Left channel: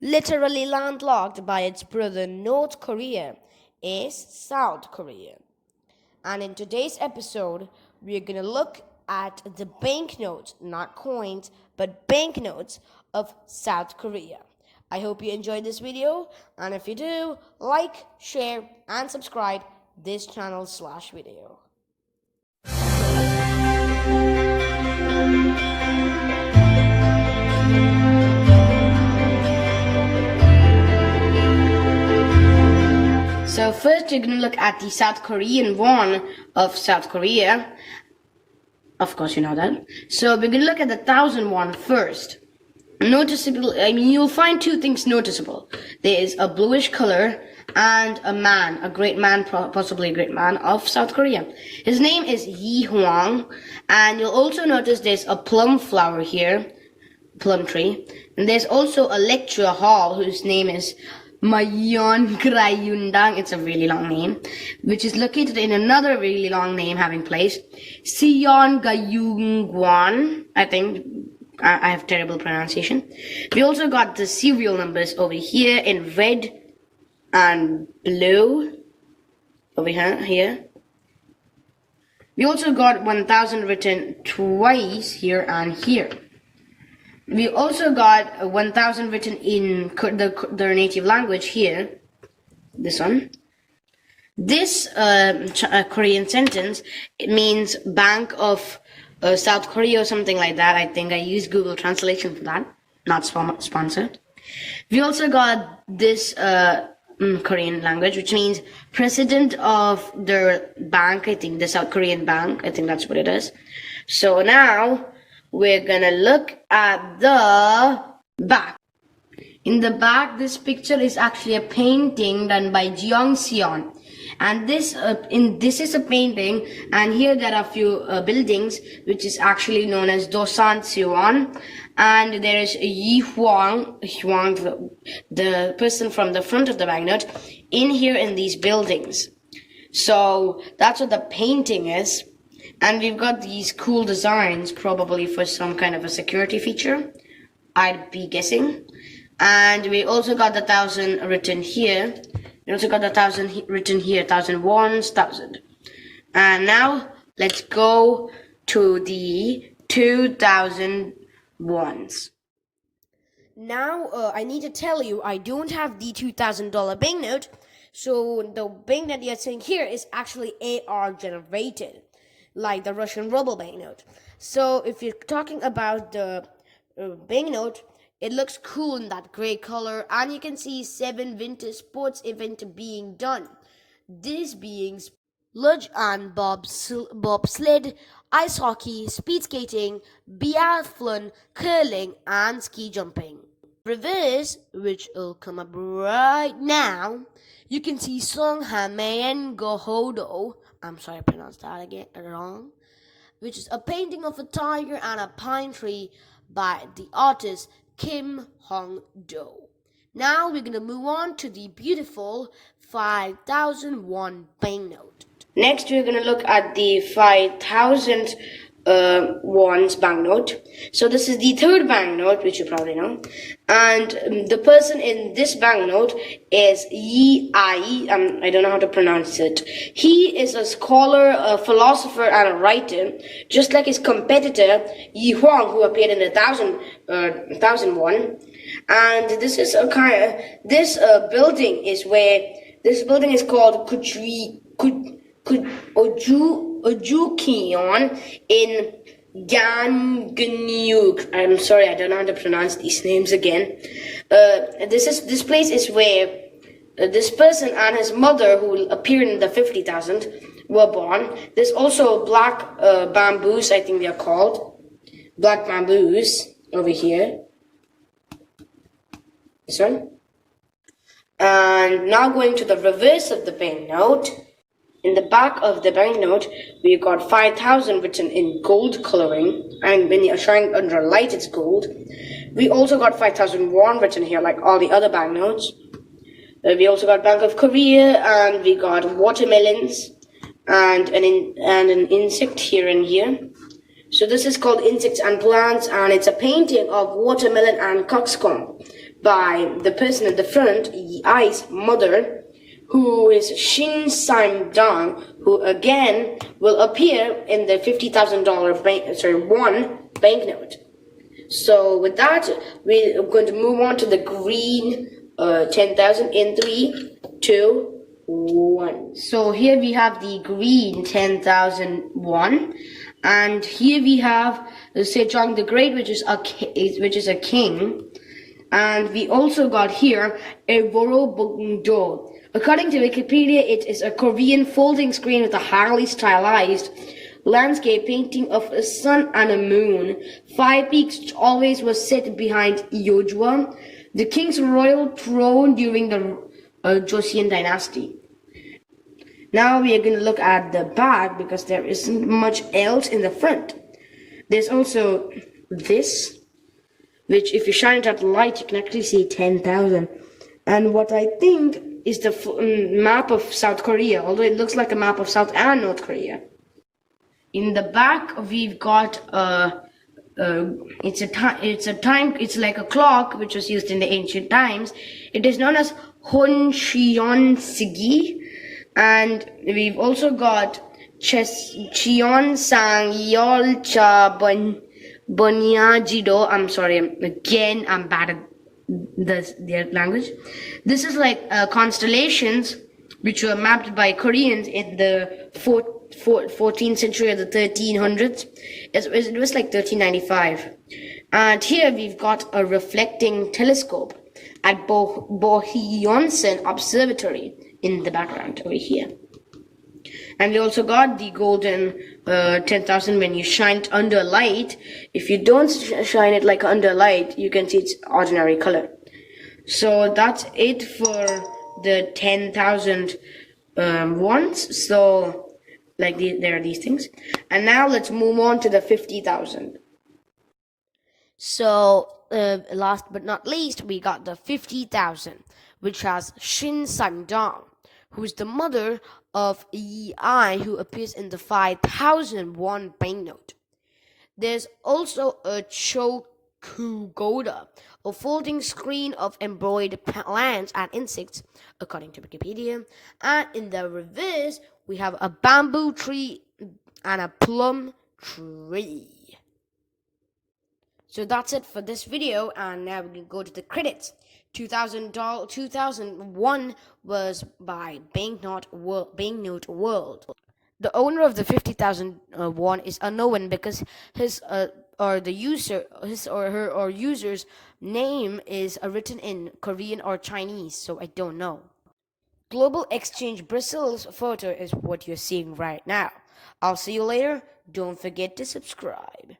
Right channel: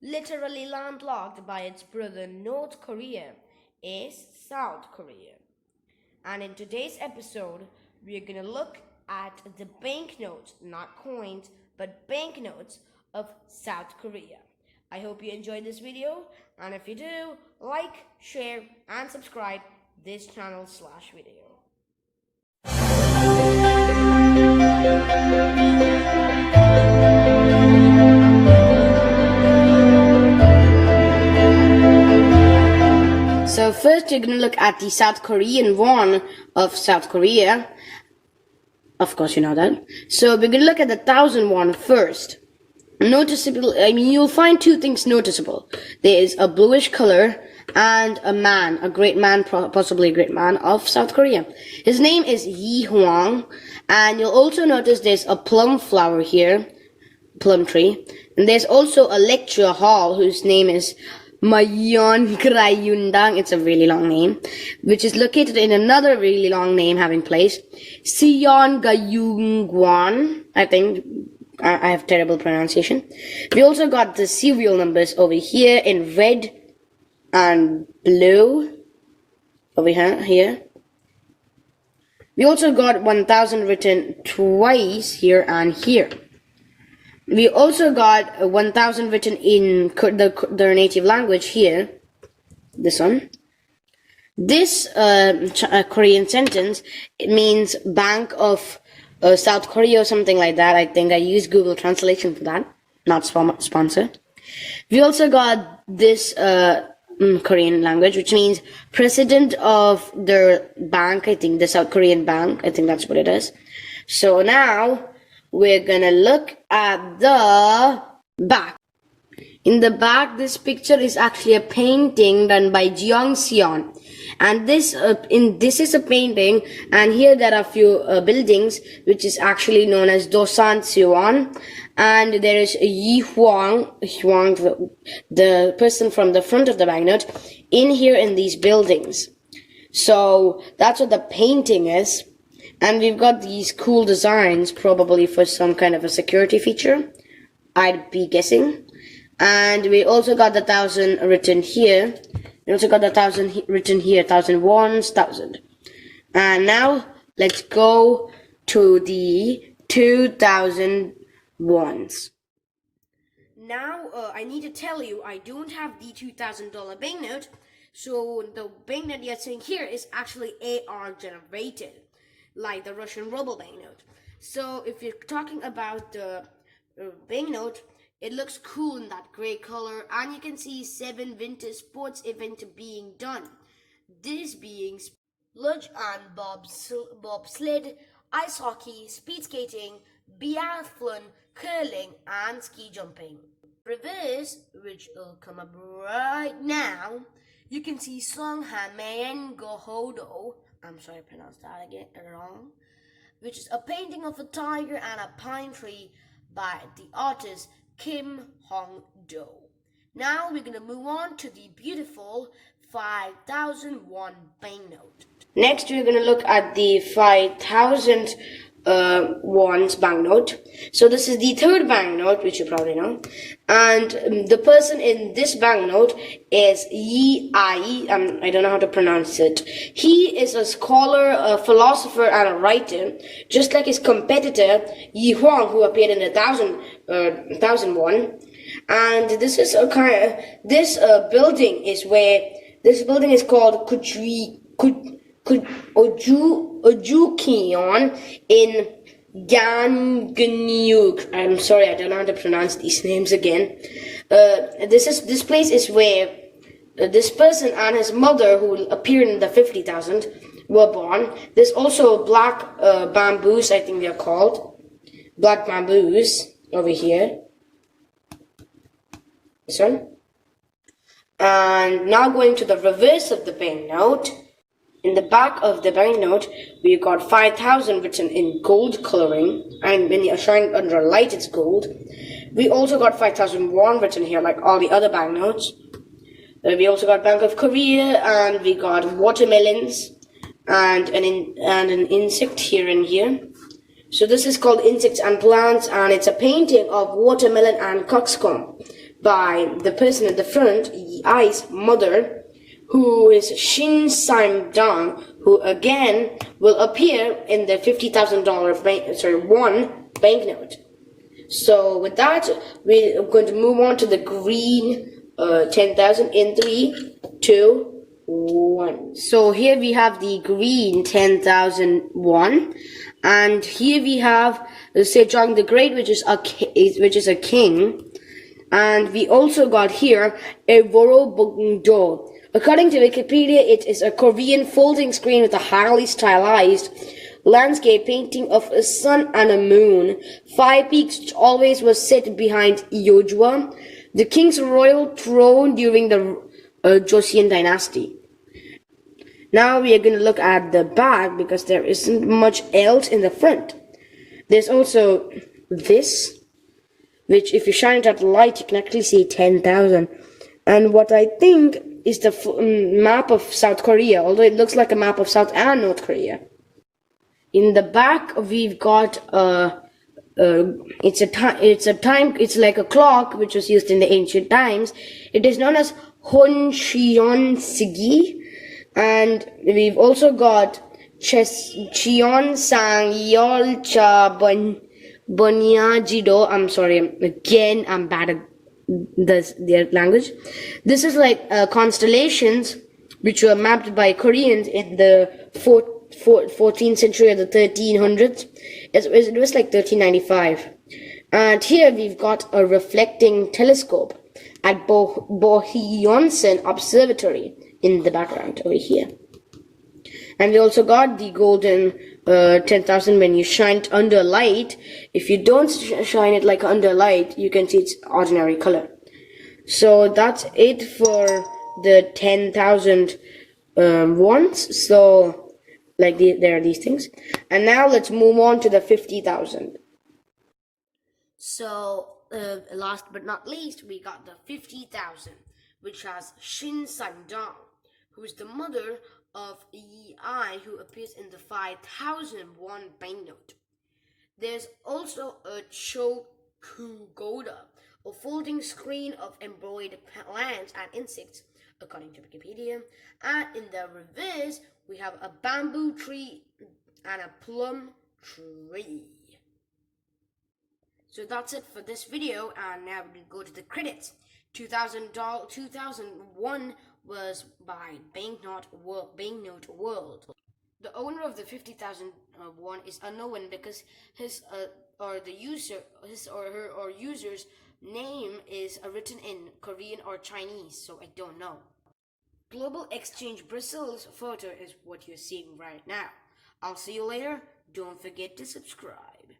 literally landlocked by its brother North Korea, is South Korea. And in today's episode, we're going to look at the banknotes, not coins, but banknotes of South Korea. I hope you enjoyed this video, and if you do, like, share, and subscribe this channel/video. So first you're going to look at the South Korean won of South Korea. Of course you know that. So we're going to look at the 1,000 won first. Noticeable, you'll find two things noticeable. There is a bluish color and a man, a great man, possibly a great man of South Korea. His name is Yi Hwang, and you'll also notice there's a plum flower here, plum tree. And there's also a lecture hall whose name is Mayon Krayundang, it's a really long name, which is located in another really long name having place, Sion Gayungwan, I think. I have terrible pronunciation. We also got the serial numbers over here in red and blue, over here. We also got 1,000 written twice here and here. We also got 1,000 written in their native language here, this one. This Korean sentence, it means Bank of South Korea or something like that. I think I used Google Translation for that, not sponsored. We also got this Korean language, which means president of their bank, I think the South Korean bank, I think that's what it is. So now we're gonna look at the back. In the back, this picture is actually a painting done by Jeong Seon. And this is a painting, and here there are a few buildings, which is actually known as Dosan Seon. And there is Yi Hwang, the person from the front of the banknote, in here in these buildings. So that's what the painting is. And we've got these cool designs, probably for some kind of a security feature, I'd be guessing. And we also got the 1,000 written here. We also got the 1,000 written here, 1,000 wons, 1,000. And now let's go to the 2,000 wons. Now I need to tell you, I don't have the $2,000 banknote. So the banknote you're seeing here is actually AR generated, like the Russian ruble banknote. So if you're talking about the banknote, it looks cool in that gray color, and you can see 7 winter sports events being done. This being luge and bobsled, ice hockey, speed skating, biathlon, curling, and ski jumping. Reverse, which will come up right now, you can see Songhamaen Gohodo. I'm sorry I pronounced that again wrong. Which is a painting of a tiger and a pine tree by the artist Kim Hong-do. Now we're going to move on to the beautiful 5,000 won banknote. Next we're going to look at the 5,000 wons banknote. So this is the third banknote, which you probably know. And the person in this banknote is Yi Ai. I don't know how to pronounce it. He is a scholar, a philosopher, and a writer, just like his competitor Yi Hwang, who appeared in 1,000 won. And this is a kind of building is where this building is called Ojukion in Gangneuk. I'm sorry, I don't know how to pronounce these names again. This place is where this person and his mother, who appeared in the 50,000, were born. There's also black bamboos, I think they're called. Black bamboos over here. This one. And now going to the reverse of the banknote. In the back of the banknote, we got 5,000 written in gold coloring, and when you shine under light, it's gold. We also got 5,000 won written here, like all the other banknotes. We also got Bank of Korea, and we got watermelons, and an insect here and here. So this is called Insects and Plants, and it's a painting of watermelon and cockscomb by the person at the front, Yi's mother, who is Shin Sam-dang, who again will appear in the $50,000 won banknote. So with that, we're going to move on to the green 10,000 in 3, 2, 1. So here we have the green 10,000 won, and here we have Sejong the Great, which is a king, and we also got here a Vorobungdo. According to Wikipedia, it is a Korean folding screen with a highly stylized landscape painting of a sun and a moon. 5 peaks, which always was set behind Yeojwa, the king's royal throne during the Joseon dynasty. Now we are going to look at the back because there isn't much else in the front. There's also this, which if you shine it at the light, you can actually see 10,000. And what I think is the map of South Korea, although it looks like a map of South and North Korea. In the back, we've got it's like a clock which was used in the ancient times. It is known as Honcheon Sigi, and we've also got Cheon Sang Yolcha Bonyajido. I'm sorry, again, I'm bad at their language. This is like constellations which were mapped by Koreans in the 14th century or the 1300s. It was like 1395. And here we've got a reflecting telescope at Bohyeonsan Observatory in the background over here. And we also got the golden 10,000 when you shine it under light. If you don't shine it like under light, you can see its ordinary color. So that's it for the 10,000 ones. So like there are these things. And now let's move on to the 50,000. So last but not least, we got the 50,000, which has Shin Sang-dang, who is the mother of Yi, who appears in the 5,000 won banknote. There's also a Chokugoda, a folding screen of embroidered plants and insects, according to Wikipedia. And in the reverse, we have a bamboo tree and a plum tree. So that's it for this video, and now we can go to the credits. 2001 was by Banknote World. The owner of the 50,000 won is unknown because his or her user's name is written in Korean or Chinese, so I don't know. Global Exchange Brazil's photo is what you're seeing right now. I'll see you later. Don't forget to subscribe.